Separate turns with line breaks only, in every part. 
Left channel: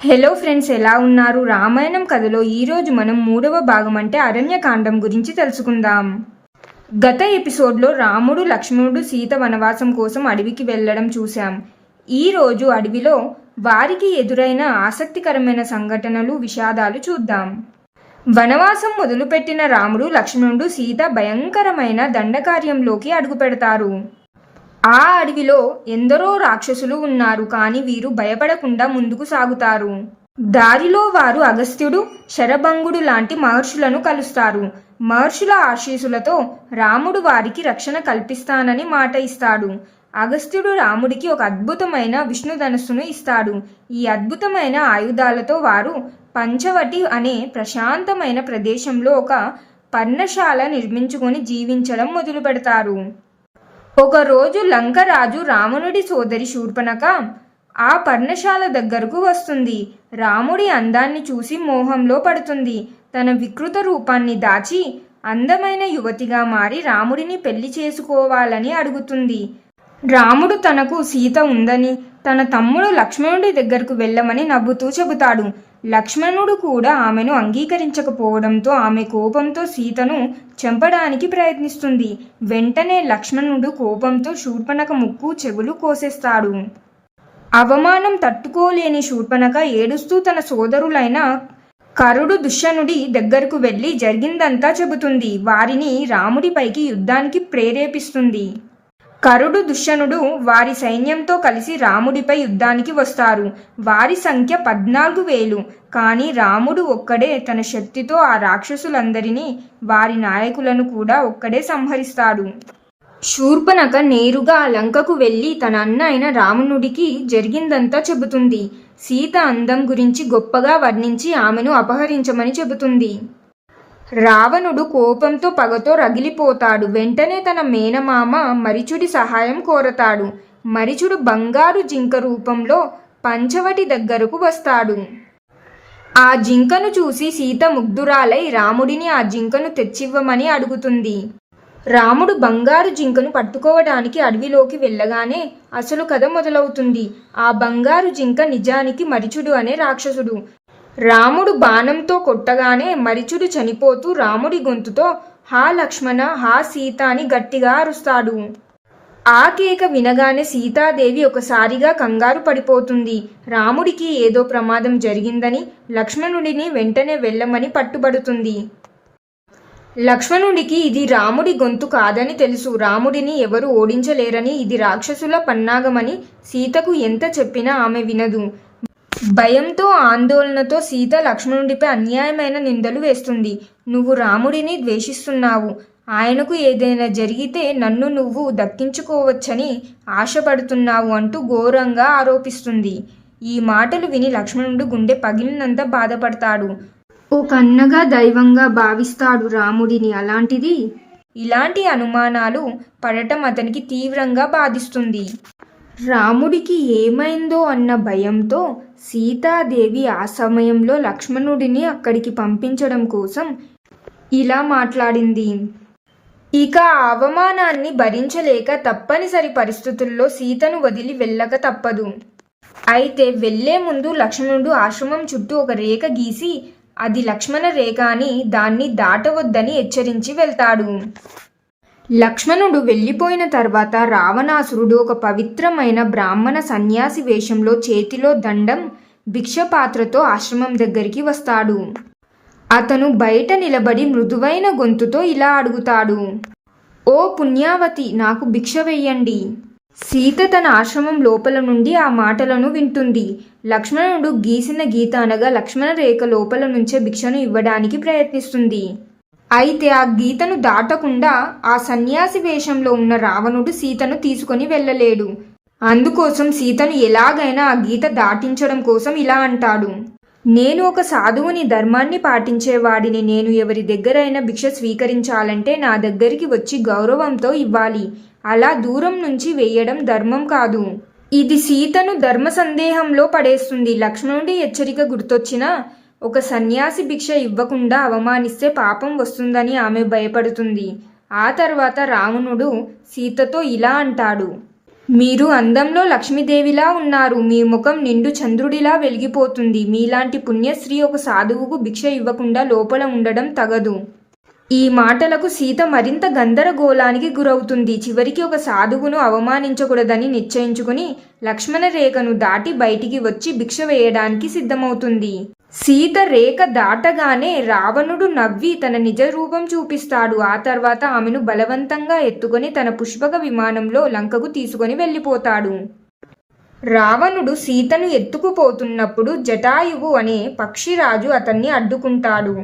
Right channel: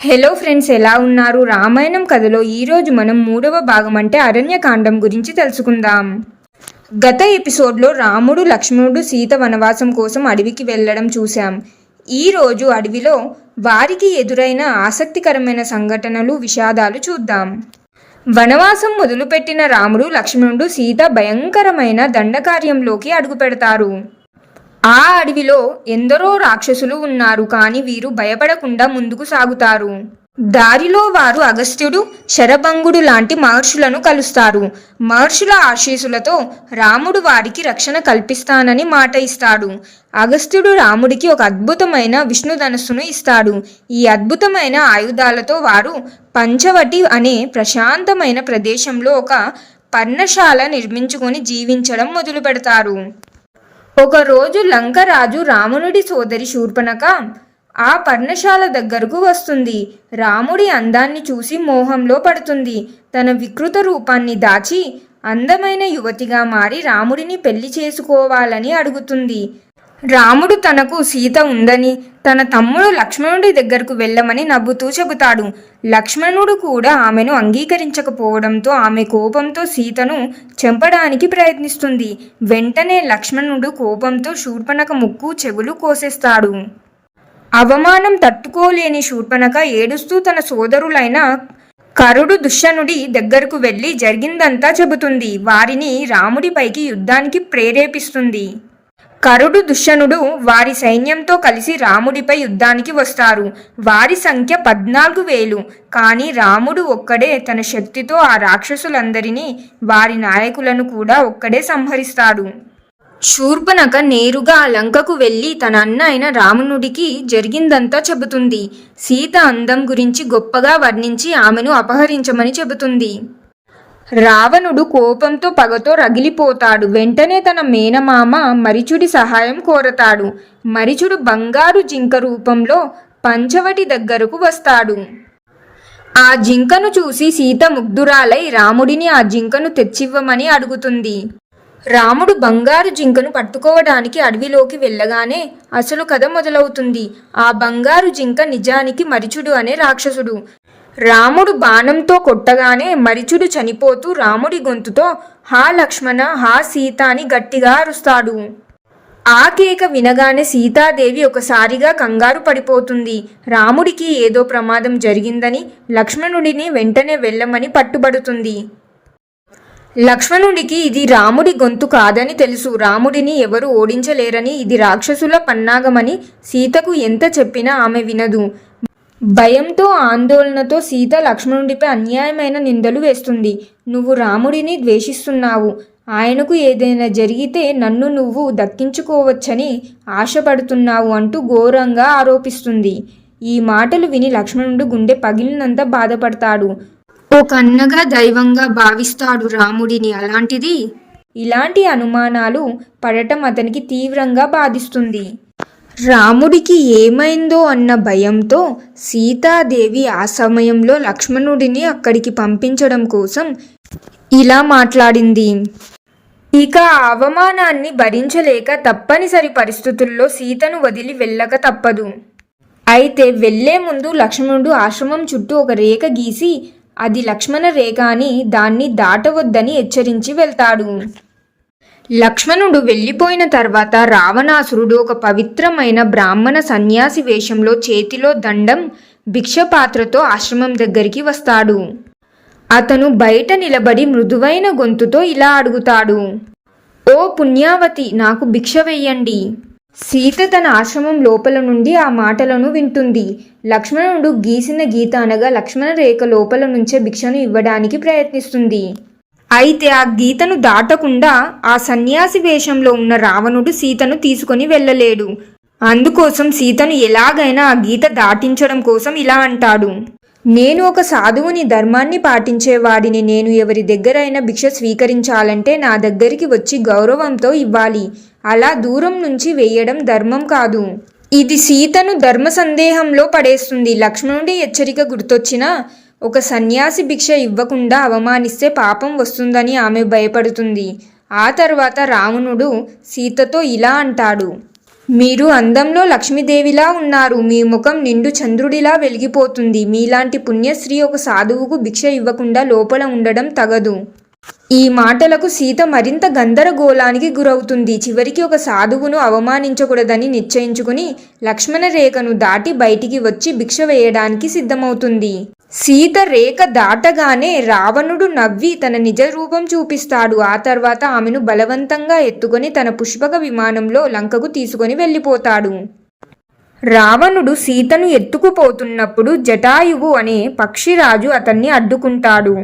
Hello friends ఎలా ఉన్నారు? రామాయణం కథలో ఈరోజు మనం మూడవ భాగం అంటే అరణ్యకాండం గురించి తెలుసుకుందాం. గత ఎపిసోడ్లో రాముడు లక్ష్మణుడు సీత వనవాసం కోసం అడవికి వెళ్ళడం చూశాం. ఈ రోజు అడవిలో వారికి ఎదురైన ఆసక్తికరమైన సంఘటనలు విషాదాలు చూద్దాం. వనవాసం మొదలుపెట్టిన రాముడు లక్ష్మణుడు సీత భయంకరమైన దండకార్యంలోకి అడుగుపెడతారు. ఆ అడవిలో ఎందరో రాక్షసులు ఉన్నారు కానీ వీరు భయపడకుండా ముందుకు సాగుతారు. దారిలో వారు అగస్త్యుడు శరభంగుడు లాంటి మహర్షులను కలుస్తారు. మహర్షుల ఆశీస్సులతో రాముడు వారికి రక్షణ కల్పిస్తానని మాట ఇస్తాడు. అగస్త్యుడు రాముడికి ఒక అద్భుతమైన విష్ణు ధనస్సును ఇస్తాడు. ఈ అద్భుతమైన ఆయుధాలతో వారు పంచవటి అనే ప్రశాంతమైన ప్రదేశంలో ఒక పర్ణశాల నిర్మించుకొని జీవించడం మొదలు పెడతారు ఒకరోజు లంకరాజు రావణుడి సోదరి శూర్పణక ఆ పర్ణశాల దగ్గరకు వస్తుంది. రాముడి అందాన్ని చూసి మోహంలో పడుతుంది. తన వికృత రూపాన్ని దాచి అందమైన యువతిగా మారి రాముడిని పెళ్ళి చేసుకోవాలని అడుగుతుంది. రాముడు తనకు సీత ఉందని తన తమ్ముడు లక్ష్మణుడి దగ్గరకు వెళ్ళమని నవ్వుతూ చెబుతాడు. లక్ష్మణుడు కూడా ఆమెను అంగీకరించకపోవడంతో ఆమె కోపంతో సీతను చంపడానికి ప్రయత్నిస్తుంది. వెంటనే లక్ష్మణుడు కోపంతో శూర్పణక ముక్కు చెవులు కోసేస్తాడు. అవమానం తట్టుకోలేని శూర్పణక ఏడుస్తూ తన సోదరులైన కరుడు దుష్యనుడి దగ్గరకు వెళ్ళి జరిగిందంతా చెబుతుంది. వారిని రాముడిపైకి యుద్ధానికి ప్రేరేపిస్తుంది. కరుడు దుష్యనుడు వారి సైన్యంతో కలిసి రాముడిపై యుద్ధానికి వస్తారు. వారి సంఖ్య పద్నాలుగు వేలు. కానీ రాముడు ఒక్కడే తన శక్తితో ఆ రాక్షసులందరినీ వారి నాయకులను కూడా ఒక్కడే సంహరిస్తాడు. శూర్పణక నేరుగా లంకకు వెళ్ళి తన అన్న అయిన రామునుడికి జరిగిందంతా చెబుతుంది. సీత అందం గురించి గొప్పగా వర్ణించి ఆమెను అపహరించమని చెబుతుంది. రావణుడు కోపంతో పగతో రగిలిపోతాడు. వెంటనే తన మేనమామ మరిచుడి సహాయం కోరతాడు. మరిచుడు బంగారు జింక రూపంలో పంచవటి దగ్గరకు వస్తాడు. ఆ జింకను చూసి సీత ముగ్ధురాలై రాముడిని ఆ జింకను తెచ్చివ్వమని అడుగుతుంది. రాముడు బంగారు జింకను పట్టుకోవడానికి అడవిలోకి వెళ్ళగానే అసలు కథ మొదలవుతుంది. ఆ బంగారు జింక నిజానికి మరిచుడు అనే రాక్షసుడు. రాముడు బాణంతో కొట్టగానే మరిచుడు చనిపోతూ రాముడి గొంతుతో హా లక్ష్మణ హా సీత అని గట్టిగా అరుస్తాడు. ఆ కేక వినగానే సీతాదేవి ఒకసారిగా కంగారు పడిపోతుంది. రాముడికి ఏదో ప్రమాదం జరిగిందని లక్ష్మణుడిని వెంటనే వెళ్ళమని పట్టుబడుతుంది. లక్ష్మణుడికి ఇది రాముడి గొంతు కాదని తెలుసు. రాముడిని ఎవరు ఓడించలేరని ఇది రాక్షసుల పన్నాగమని సీతకు ఎంత చెప్పినా ఆమె వినదు. భయంతో ఆందోళనతో సీత లక్ష్మణుడిపై అన్యాయమైన నిందలు వేస్తుంది. నువ్వు రాముడిని ద్వేషిస్తున్నావు. ఆయనకు ఏదైనా జరిగితే నన్ను నువ్వు దక్కించుకోవచ్చని ఆశపడుతున్నావు అంటూ ఘోరంగా ఆరోపిస్తుంది. ఈ మాటలు విని లక్ష్మణుడు గుండె పగిలినంత బాధపడతాడు. ఓ కన్నగా దైవంగా భావిస్తాడు రాముడిని అలాంటిది ఇలాంటి అనుమానాలు పడటం అతనికి తీవ్రంగా బాధిస్తుంది. రాముడికి ఏమైందో అన్న భయంతో సీతాదేవి ఆ సమయంలో లక్ష్మణుడిని అక్కడికి పంపించడం కోసం ఇలా మాట్లాడింది. ఇక అవమానాన్ని భరించలేక తప్పనిసరి పరిస్థితుల్లో సీతను వదిలి వెళ్ళక తప్పదు. అయితే వెళ్ళే ముందు లక్ష్మణుడు ఆశ్రమం చుట్టూ ఒక రేఖ గీసి అది లక్ష్మణ రేఖ అని దాన్ని దాటవద్దని హెచ్చరించి వెళ్తాడు. లక్ష్మణుడు వెళ్ళిపోయిన తర్వాత రావణాసురుడు ఒక పవిత్రమైన బ్రాహ్మణ సన్యాసి వేషంలో చేతిలో దండం భిక్షపాత్రతో ఆశ్రమం దగ్గరికి వస్తాడు. అతను బయట నిలబడి మృదువైన గొంతుతో ఇలా అడుగుతాడు. ఓ పుణ్యావతి నాకు భిక్ష వెయ్యండి సీత తన ఆశ్రమం లోపల నుండి ఆ మాటలను వింటుంది. లక్ష్మణుడు గీసిన గీత అనగా లక్ష్మణ రేఖ లోపల నుంచే భిక్షను ఇవ్వడానికి ప్రయత్నిస్తుంది. అయితే ఆ గీతను దాటకుండా ఆ సన్యాసి వేషంలో ఉన్న రావణుడు సీతను తీసుకొని వెళ్ళలేడు. అందుకోసం సీతను ఎలాగైనా ఆ గీత దాటించడం కోసం ఇలా అంటాడు. నేను ఒక సాధువుని ధర్మాన్ని పాటించేవాడిని నేను ఎవరి దగ్గరైనా భిక్ష స్వీకరించాలంటే నా దగ్గరికి వచ్చి గౌరవంతో ఇవ్వాలి. అలా దూరం నుంచి వేయడం ధర్మం కాదు. ఇది సీతను ధర్మ సందేహంలో పడేస్తుంది. లక్ష్మణుడి హెచ్చరిక గుర్తొచ్చినా ఒక సన్యాసి భిక్ష ఇవ్వకుండా అవమానిస్తే పాపం వస్తుందని ఆమె భయపడుతుంది. ఆ తర్వాత రావణుడు సీతతో ఇలా అంటాడు. మీరు అందంలో లక్ష్మీదేవిలా ఉన్నారు. మీ ముఖం నిండు చంద్రుడిలా వెలిగిపోతుంది. మీలాంటి పుణ్యశ్రీ ఒక సాధువుకు భిక్ష ఇవ్వకుండా లోపల ఉండడం తగదు. ఈ మాటలకు సీత మరింత గందరగోళానికి గురవుతుంది. చివరికి ఒక సాధువును అవమానించకూడదని నిశ్చయించుకుని లక్ష్మణ రేఖను దాటి బయటికి వచ్చి భిక్ష వేయడానికి సిద్ధమవుతుంది. సీత రేఖ దాటగానే రావణుడు నవ్వి తన నిజ రూపం చూపిస్తాడు. ఆ తర్వాత ఆమెను బలవంతంగా ఎత్తుకొని తన పుష్పక విమానంలో లంకకు తీసుకొని వెళ్ళిపోతాడు. రావణుడు సీతను ఎత్తుకుపోతున్నప్పుడు జటాయువు అనే పక్షిరాజు అతన్ని అడ్డుకుంటాడు.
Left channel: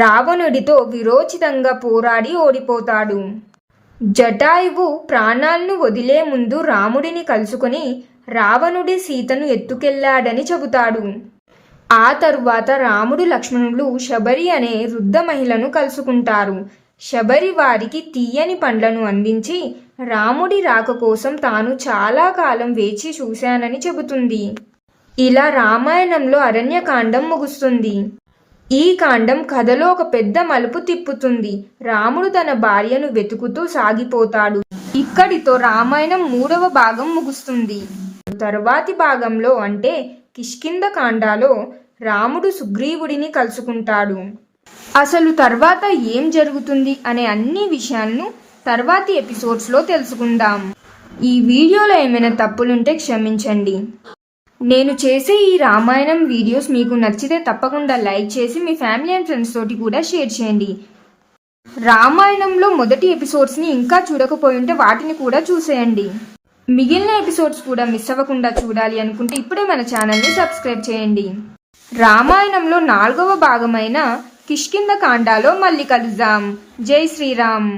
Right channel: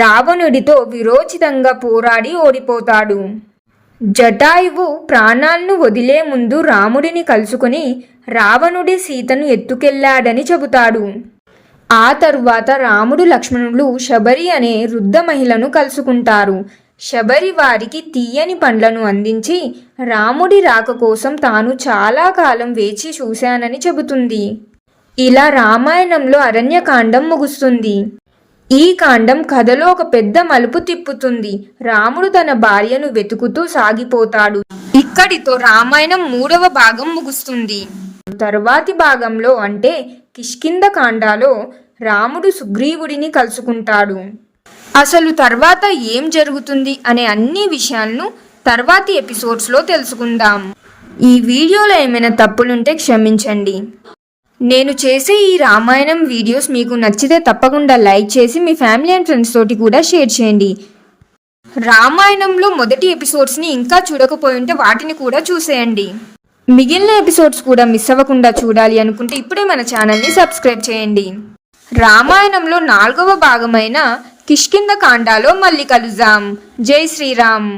రావణుడితో విరోచితంగా పోరాడి ఓడిపోతాడు. జటాయువు ప్రాణాలను వదిలే ముందు రాముడిని కలుసుకుని రావణుడి సీతను ఎత్తుకెళ్ళాడని చెబుతాడు. ఆ తరువాత రాముడు లక్ష్మణులు శబరి అనే వృద్ధ మహిళను కలుసుకుంటారు. శబరి వారికి తీయని పండ్లను అందించి రాముడి రాక కోసం తాను చాలా కాలం వేచి చూశానని చెబుతుంది. ఇలా రామాయణంలో అరణ్యకాండం ముగుస్తుంది. ఈ కాండం కథలో ఒక పెద్ద మలుపు తిప్పుతుంది. రాముడు తన భార్యను వెతుకుతూ సాగిపోతాడు. ఇక్కడితో రామాయణం మూడవ భాగం ముగుస్తుంది. తరువాతి భాగంలో అంటే కిష్కింద కాండాలో రాముడు సుగ్రీవుడిని కలుసుకుంటాడు. అసలు తర్వాత ఏం జరుగుతుంది అనే అన్ని విషయాలను తర్వాతి ఎపిసోడ్స్లో తెలుసుకుందాం. ఈ వీడియోలో ఏమైనా తప్పులుంటే క్షమించండి. నేను చేసే ఈ రామాయణం వీడియోస్ మీకు నచ్చితే తప్పకుండా లైక్ చేసి మీ ఫ్యామిలీ అండ్ ఫ్రెండ్స్ తోటి కూడా షేర్ చేయండి. రామాయణంలో మొదటి ఎపిసోడ్స్ని ఇంకా చూడకపోయి ఉంటే వాటిని కూడా చూసేయండి. మిగిలిన ఎపిసోడ్స్ కూడా మిస్ అవ్వకుండా చూడాలి అనుకుంటే ఇప్పుడే మన ఛానల్ని సబ్స్క్రైబ్ చేయండి. రామాయణంలో నాలుగవ భాగమైన కిష్కింద కాండాలో మళ్ళీ కలుద్దాం జై శ్రీరామ్.